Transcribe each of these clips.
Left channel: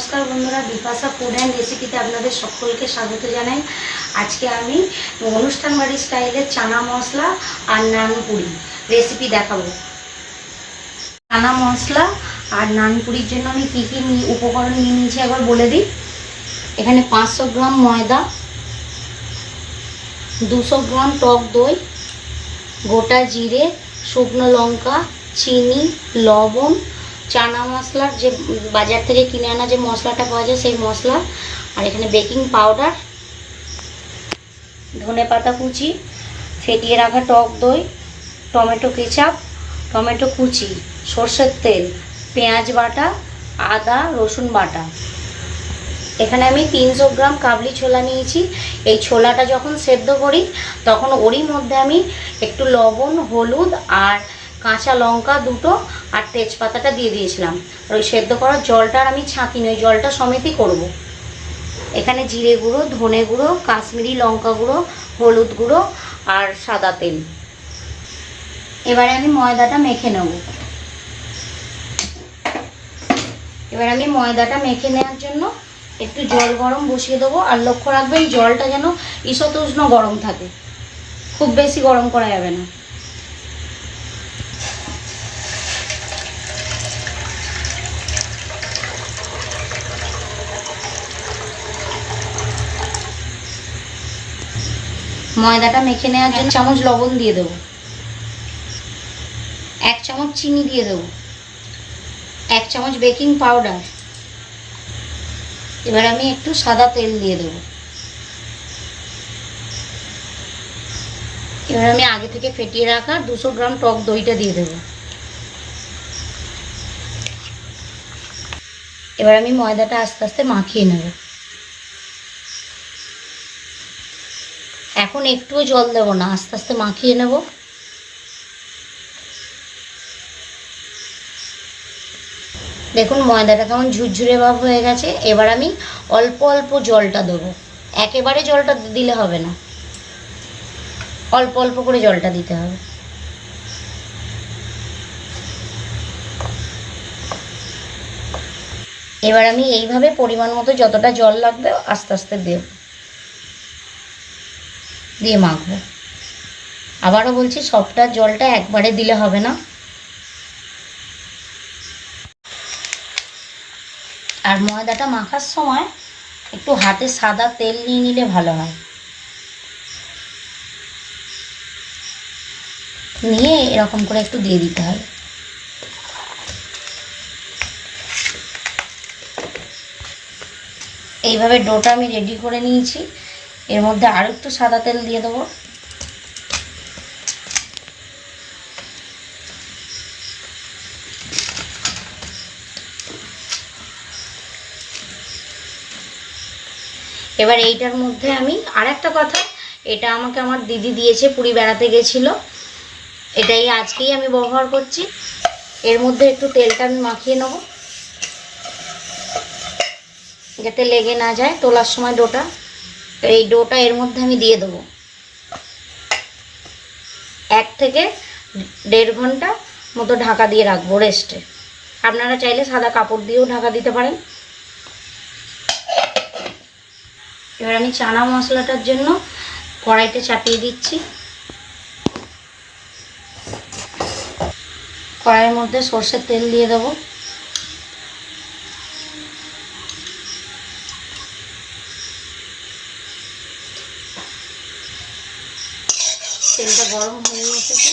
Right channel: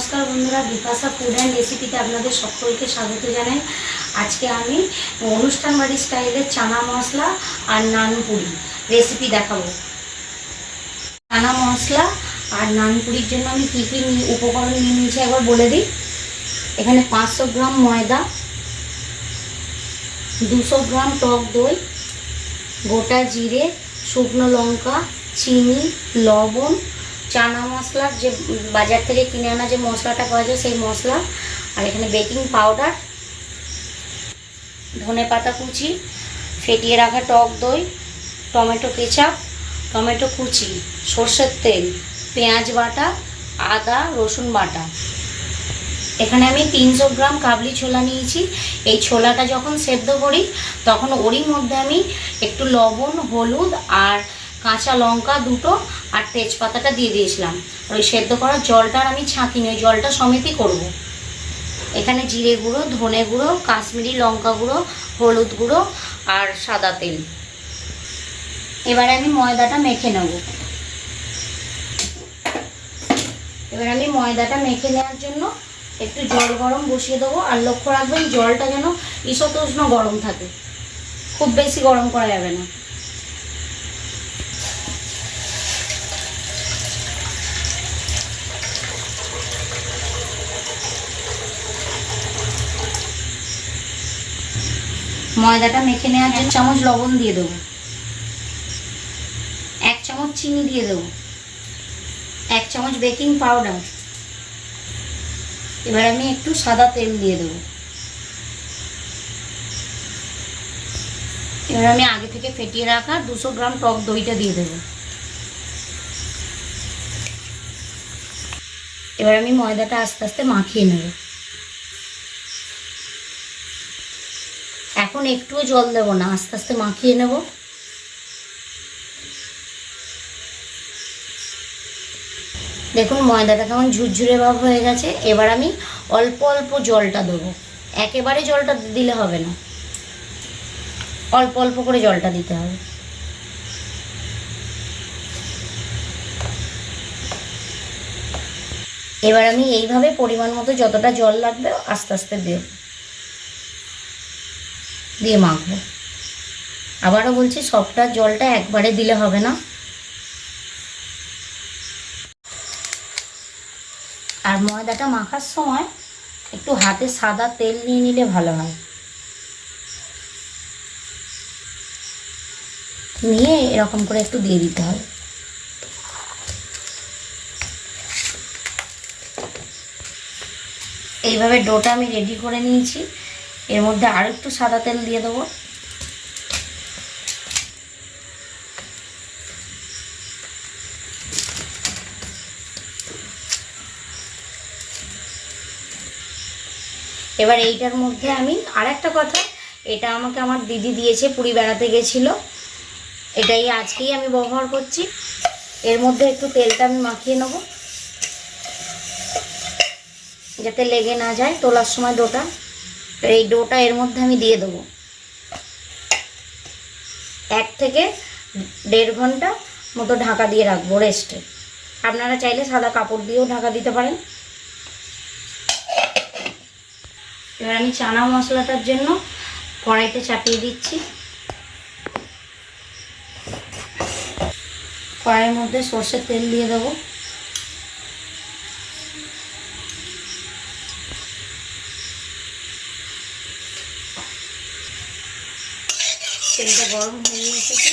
নমস্কার বন্ধুরা, Bipasha food and রেসিপিতে আপনাদের সকলকে স্বাগত জানাই। আজকে আমি অনুষ্ঠান বাড়ি স্টাইলের চানা মশলা আর নানপুরি রেসিপি দেখাবো। চানা মশলা আর নানপুরির জন্য আমি কী কী উপকরণ নিয়ে নিয়েছি একবার বলে দিই। এখানে 500 গ্রাম ময়দা, 200 গ্রাম টক দই, গোটা জিরে, শুকনো লঙ্কা, চিনি, লবণ, চানা মশলার যে বাজার থেকে কিনে আনা যে মশলাটা পাওয়া যায় সেই মশলা, আর এখানে বেকিং পাউডার, ধনেপাতা কুচি, ফেটিয়ে রাখা টক দই, টমেটো কেচাপ, টমেটো কুচি, সর্ষের তেল, পেঁয়াজ বাটা, আদা রসুন বাটা। এখানে আমি 300 গ্রাম কাবলি ছোলা নিয়েছি। এই ছোলাটা যখন সেদ্ধ করি তখন ওরই মধ্যে আমি একটু লবণ, হলুদ আর কাঁচা লঙ্কা দুটো আর তেজপাতাটা দিয়ে দিয়েছিলাম। ওই সেদ্ধ করার জলটার আমি ছাঁকিনি, ওই জলটা সমেতই করব। এখানে জিরে গুঁড়ো, ধনে গুঁড়ো, কাশ্মীরি লঙ্কা গুঁড়ো, হলুদ গুঁড়ো আর সাদা তেল। এবারে আমি ময়দাটা মেখে নেব। এবার আমি ময়দাটা মেখে নেওয়ার জন্য একটু জল গরম বসিয়ে দেবো। আর লক্ষ্য রাখবেন জলটা যেন ঈষৎ উষ্ণ গরম থাকে, খুব বেশি গরম করা যাবে না। ময়দাটা মেখে নেওয়ার জন্য 1 চামচ লবণ দিয়ে দেবো, 1 চামচ চিনি দিয়ে দেবো, 1 চামচ বেকিং পাউডার। এবার আমি একটু সাদা তেল দিয়ে দেবো। এবার আমি আগে থেকে ফেটিয়ে রাখা 200 গ্রাম টক দইটা দিয়ে দেবো। এবার আমি ময়দাটা আস্তে আস্তে মাখিয়ে নেব। এখন একটুও জল দেব না, আস্তে আস্তে মাখিয়ে নেব। দেখুন ময়দাটা কেমন ঝুরঝুরে ভাব হয়ে গেছে। এবার আমি অল্প অল্প জলটা দেবো, একেবারে জলটা দিলে হবে না, অল্প অল্প করে জলটা দিতে হবে। এবার আমি এইভাবে পরিমাণ মতো যতটা জল লাগবে আস্তে আস্তে দেব, দিয়ে মাখবো। আবারও বলছি সবটা জলটা একবারে দিলে হবে না। আর ময়দাটা মাখার সময় একটু হাতে সাদা তেল নিয়ে নিলে ভালো হয়। নিয়ে এরকম করে একটু দিয়ে দিতে হবে। এইভাবে ডোটা আমি রেডি করে নিয়েছি। এর মধ্যে আরও একটু সাদা তেল দিয়ে দেবো। এবার এইটার মধ্যে আমি আরেকটা কথা, এটা আমাকে আমার দিদি দিয়েছে, পুরী বেড়াতে গেছিলো, এটাই আজকেই আমি ব্যবহার করছি। এর মধ্যে একটু তেলটা আমি মাখিয়ে নেব যাতে লেগে না যায় তোলার সময় ডোটা। এই ডোটা এর মধ্যে আমি দিয়ে দেবো। 1 থেকে 1.5 ঘন্টা মতো ঢাকা দিয়ে রাখবো রেস্টে। আপনারা চাইলে সাদা কাপড় দিয়েও ঢাকা দিতে পারেন। এবার আমি চানা মশলাটার জন্য কড়াইতে চাপিয়ে দিচ্ছি। কড়াইয়ের মধ্যে সর্ষের তেল দিয়ে দেবো। তেলটা গরম হয়ে এসেছে।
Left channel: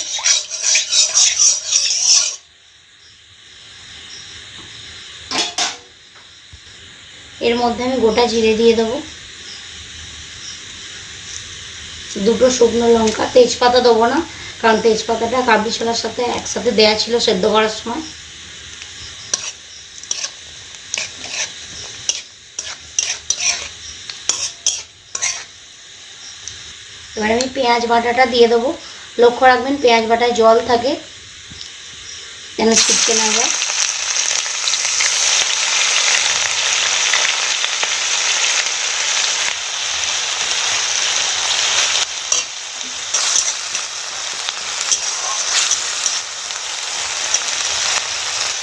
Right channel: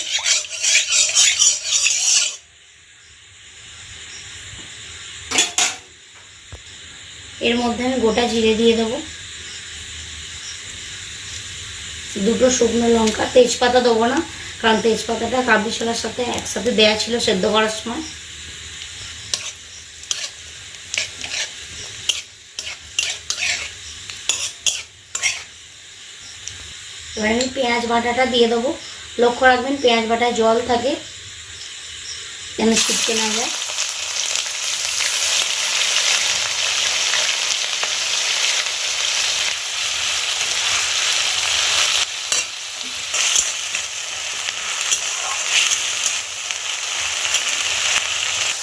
এর মধ্যে আমি গোটা জিরে দিয়ে দেবো, 2টো শুকনো লঙ্কা, তেজপাতা দেবো না কারণ তেজপাতাটা কাবলি ছোলার সাথে একসাথে দেয়া ছিল সেদ্ধ করার সময়। এবার আমি পেঁয়াজ বাটাটা দিয়ে দেবো। লক্ষ্য রাখবেন পেঁয়াজ বাটায় জল থাকে যেন ছিটকে না যায়।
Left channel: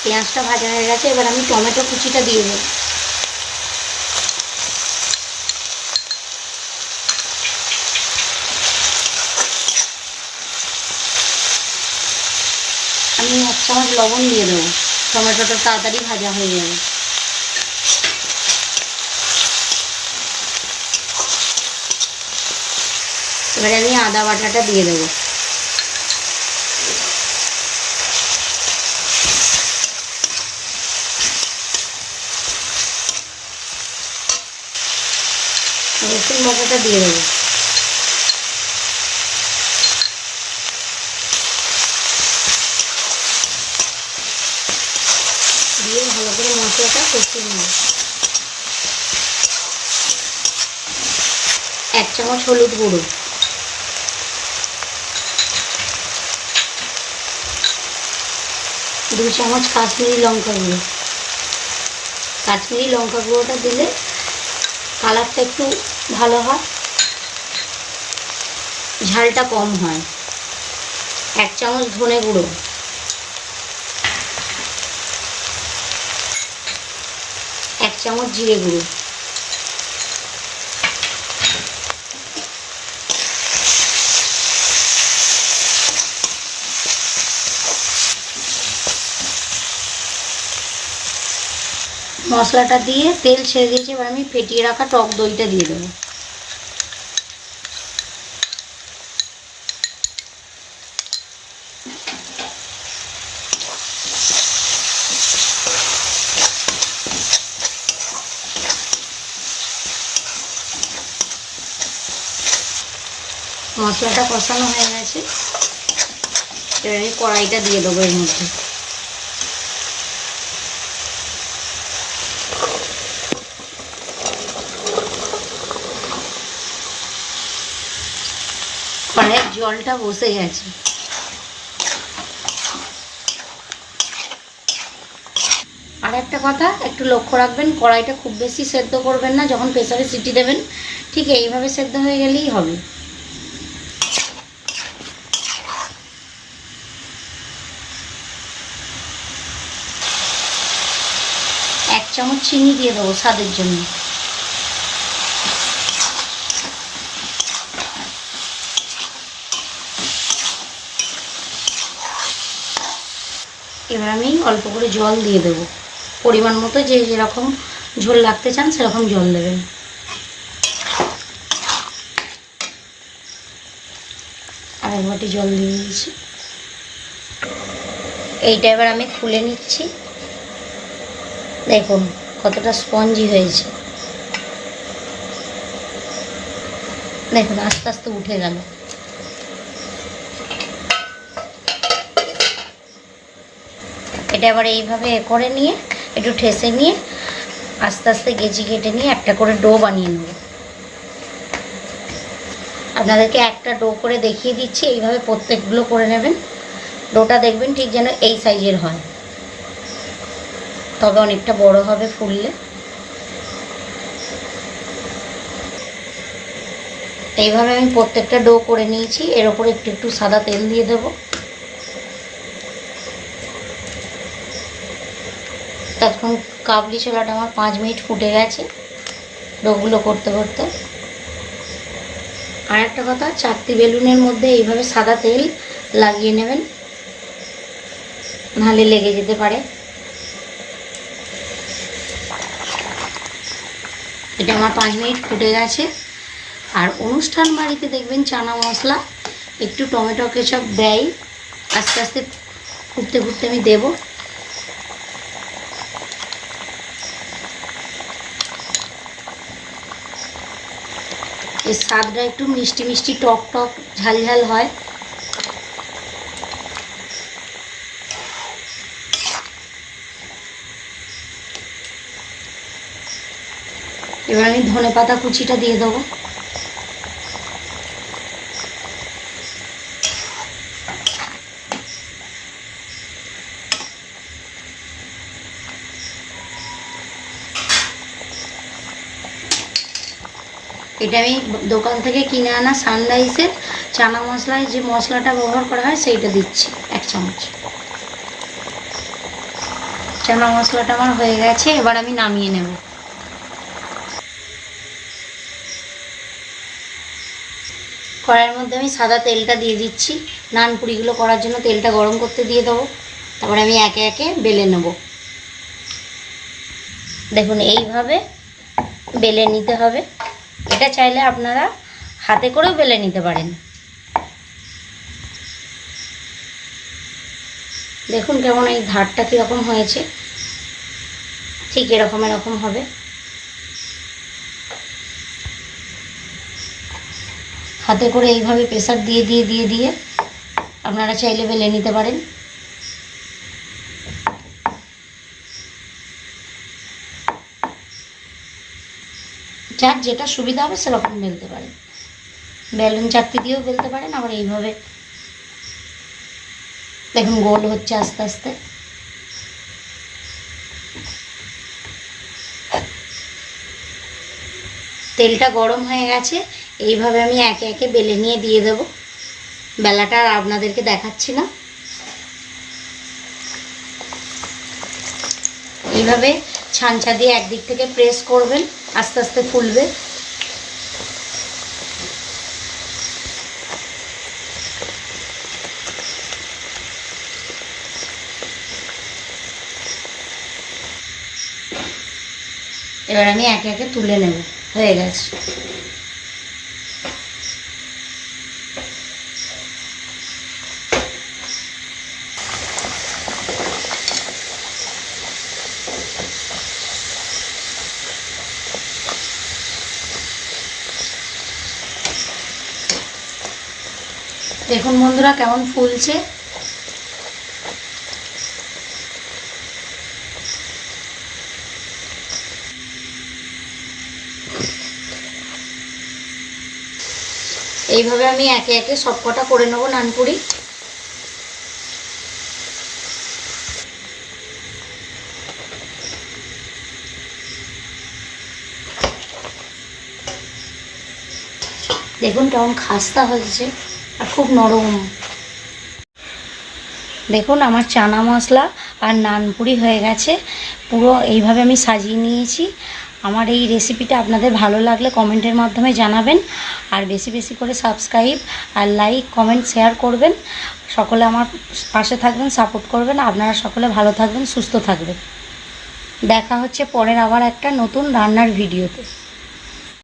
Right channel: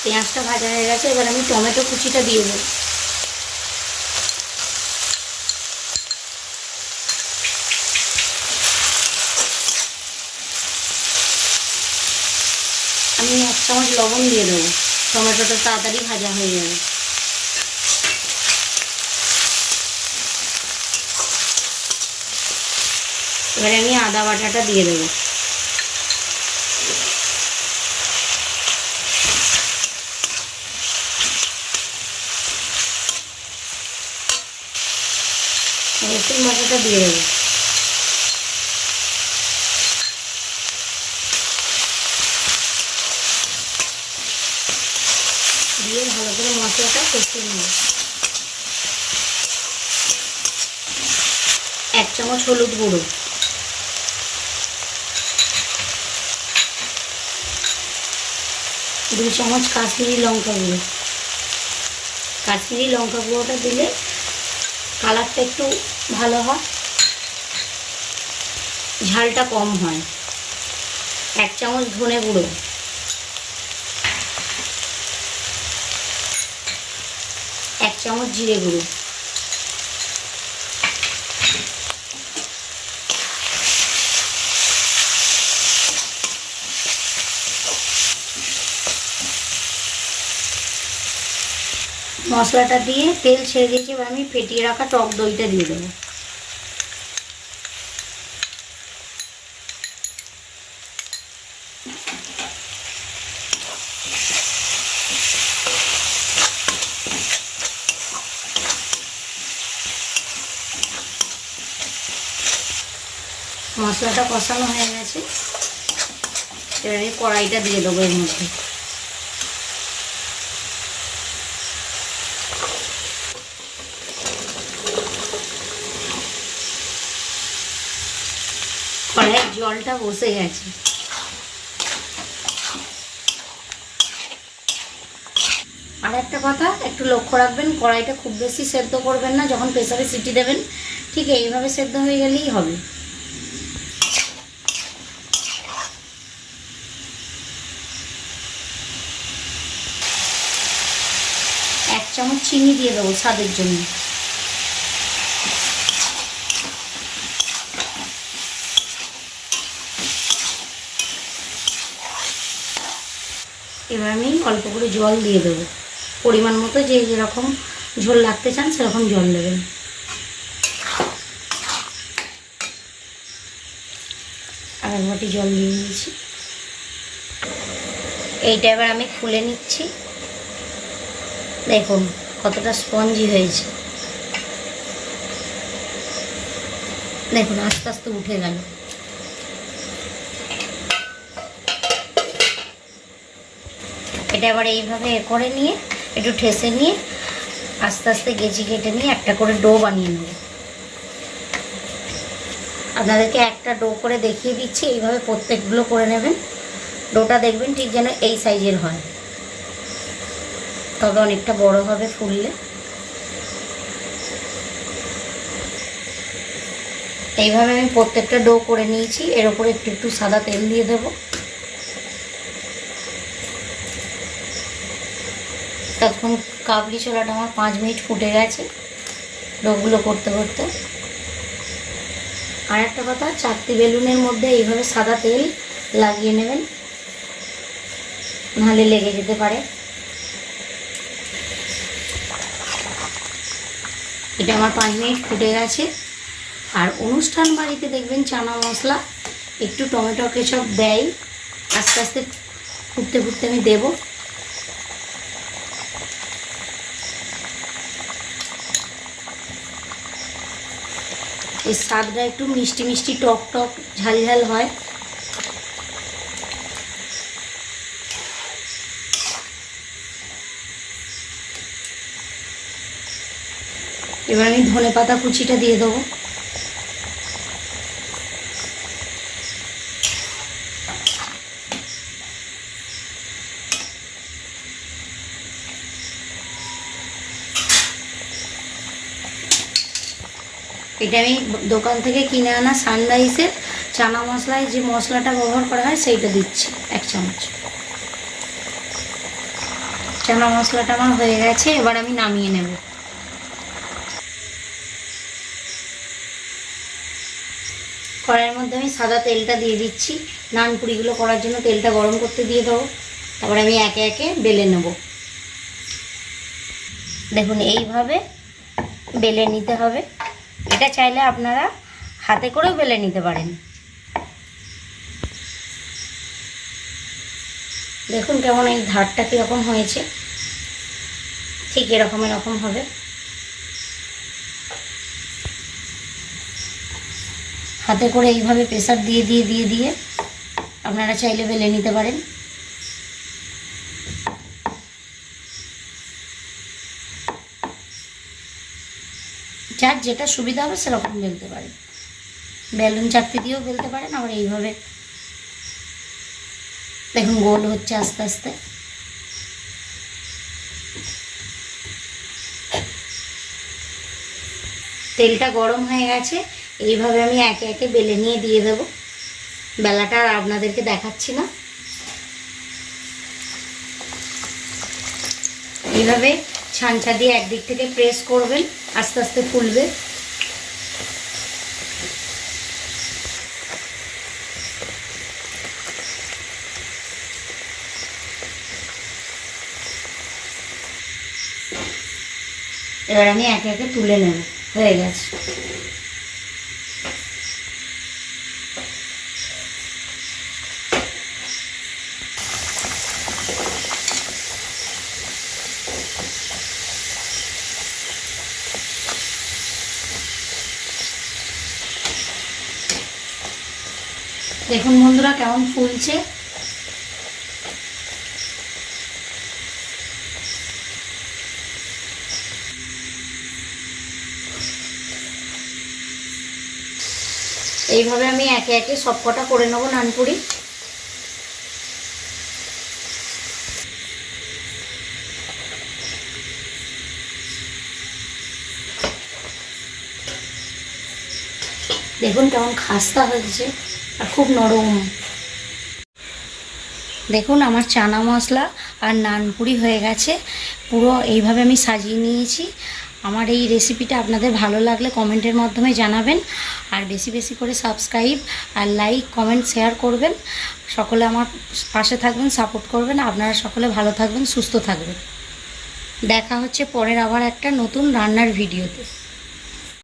পেঁয়াজটা ভাজা হয়ে গেছে। এবার আমি টমেটো কুচিটা দিয়ে দেবো। চামচ লবণ দিয়ে দেবো, টমেটোটা তাড়াতাড়ি ভাজা হয়ে যাবে। এবারে আমি আদা বাটাটা দিয়ে দেবো। রসুন বাটাটা দিয়ে দেবো। দিয়ে ভালো করে মশলাটা কষিয়ে নেব। 1 চামচ হলুদ গুঁড়ো, 2 চামচ কাশ্মীরি লঙ্কা গুঁড়ো। কাশ্মীরি লঙ্কা গুঁড়োটা দিলে কালারটা একটু ভালো হয়, ঝালটা কম হয়। 1 চামচ ধনে গুঁড়ো, 1 চামচ জিরে গুঁড়ো, মশলাটা দিয়ে তেল ছেড়ে দিয়েছি। এবার আমি ফেটিয়ে রাখা টক দইটা দিয়ে দেবো। মশলাটা কষানো হয়ে গেছে, এবার আমি কড়াইটা দিয়ে দেবো এর মধ্যে। কড়াইয়ের জলটা বসে গেছে। আর একটা কথা একটু লক্ষ্য রাখবেন, কড়াইটা খুব বেশি সেদ্ধ করবেন না। যখন প্রেসারে সিটি দেবেন ঠিক এইভাবে সেদ্ধ হয়ে গেলেই হবে। এক চামচ চিনি দিয়ে দেবো স্বাদের জন্য। এবার আমি অল্প করে জল দিয়ে দেবো, পরিমাণ মতো যে যেরকম ঝোল লাগতে চান সেরকম জল দেবেন। আর এক বাটি জল দিয়ে দিয়েছি। এইটা এবার আমি খুলে নিচ্ছি। দেখুন কতটা স্পঞ্জি হয়েছে, দেখুন আস্তে আস্তে উঠে গেল। এটা আবার এইভাবে করে নিয়ে একটু ঠেসে নিয়ে আস্তে আস্তে গেঁচি কেটে নিয়ে একটা করে ডো বানিয়ে নেব। আপনাদেরকে একটা ডো করে দেখিয়ে দিচ্ছি, এইভাবে প্রত্যেকগুলো করে নেবেন। ডোটা দেখবেন ঠিক যেন এই সাইজের হয়, তবে অনেকটা বড় হবে ফুললে। এইভাবে আমি প্রত্যেকটা ডো করে নিয়েছি। এর ওপরে একটু একটু সাদা তেল দিয়ে দেবো। তখন কাবলি ছোলাটা আমার 5 মিনিট ফুটে গেছে ডোগুলো করতে করতে। আর একটা কথা, চাকতি বেলুনের মধ্যে এইভাবে সাদা তেল লাগিয়ে নেবেন, নাহলে লেগে যেতে পারে। এটা আমার 5 মিনিট ফুটে গেছে। আর অনুষ্ঠান বাড়িতে দেখবেন চানা মশলা একটু টমেটো কেচাপ দেয়। আস্তে আস্তে ফুটতে ফুটতে আমি দেবো। এর স্বাদটা একটু মিষ্টি মিষ্টি টক টক ঝাল ঝাল হয়। এবার আমি ধনেপাতা কুচিটা দিয়ে দেবো। এটা আমি দোকান থেকে কিনে আনা সানরাইসের চানা মশলায় যে মশলাটা ব্যবহার করা হয় সেইটা দিচ্ছি 1 চামচ। চানা মশলাটা আমার হয়ে গেছে, এবার আমি নামিয়ে নেব। কড়াইয়ের মধ্যে আমি সাদা তেলটা দিয়ে দিচ্ছি। নান পুরিগুলো করার জন্য তেলটা গরম করতে দিয়ে দেবো। তারপরে আমি একে একে বেলে নেব। দেখুন এইভাবে বেলে নিতে হবে। এটা চাইলে আপনারা হাতে করেও বেলে নিতে পারেন। দেখুন কেমন এই ধারটা কীরকম হয়েছে, ঠিক এরকম হবে। হাতে করে এইভাবে প্রেসার দিয়ে দিয়ে আপনারা চাইলে বেলে নিতে পারেন। যার যেটা সুবিধা হবে সেরকম বেলতে পারেন। বেলুন চাকতি দিয়েও বেলতে পারেন, আবার এইভাবে দেখুন গোল হচ্ছে আস্তে আস্তে। তেলটা গরম হয়ে গেছে, এইভাবে আমি একে একে বেলে নিয়ে দিয়ে দেব। বেলাটা আর আপনাদেরকে দেখাচ্ছি না। এইভাবে ছাঁচা দিয়ে একদিক থেকে প্রেস করবেন, আস্তে আস্তে ফুলবে। এবার আমি একে একে তুলে নেব। হয়ে গেছে। দেখুন বন্ধুরা কেমন ফুলছে। এইভাবে আমি একে একে সবকটা করে নেব নানপুরি। দেখুন কেমন খাস্তা হয়েছে আর খুব নরম। দেখুন আমার চানা মশলা আর নানপুরি হয়ে গেছে। পুরো এইভাবে আমি সাজিয়ে নিয়েছি। আমার এই রেসিপিটা আপনাদের ভালো লাগলে কমেন্টের মাধ্যমে জানাবেন, আর বেশি বেশি করে সাবস্ক্রাইব আর লাইক কমেন্ট শেয়ার করবেন। সকলে আমার পাশে থাকবেন, সাপোর্ট করবেন। আপনারা সকলে ভালো থাকবেন, সুস্থ থাকবেন। দেখা হচ্ছে পরের আবার একটা নতুন রান্নার ভিডিওতে।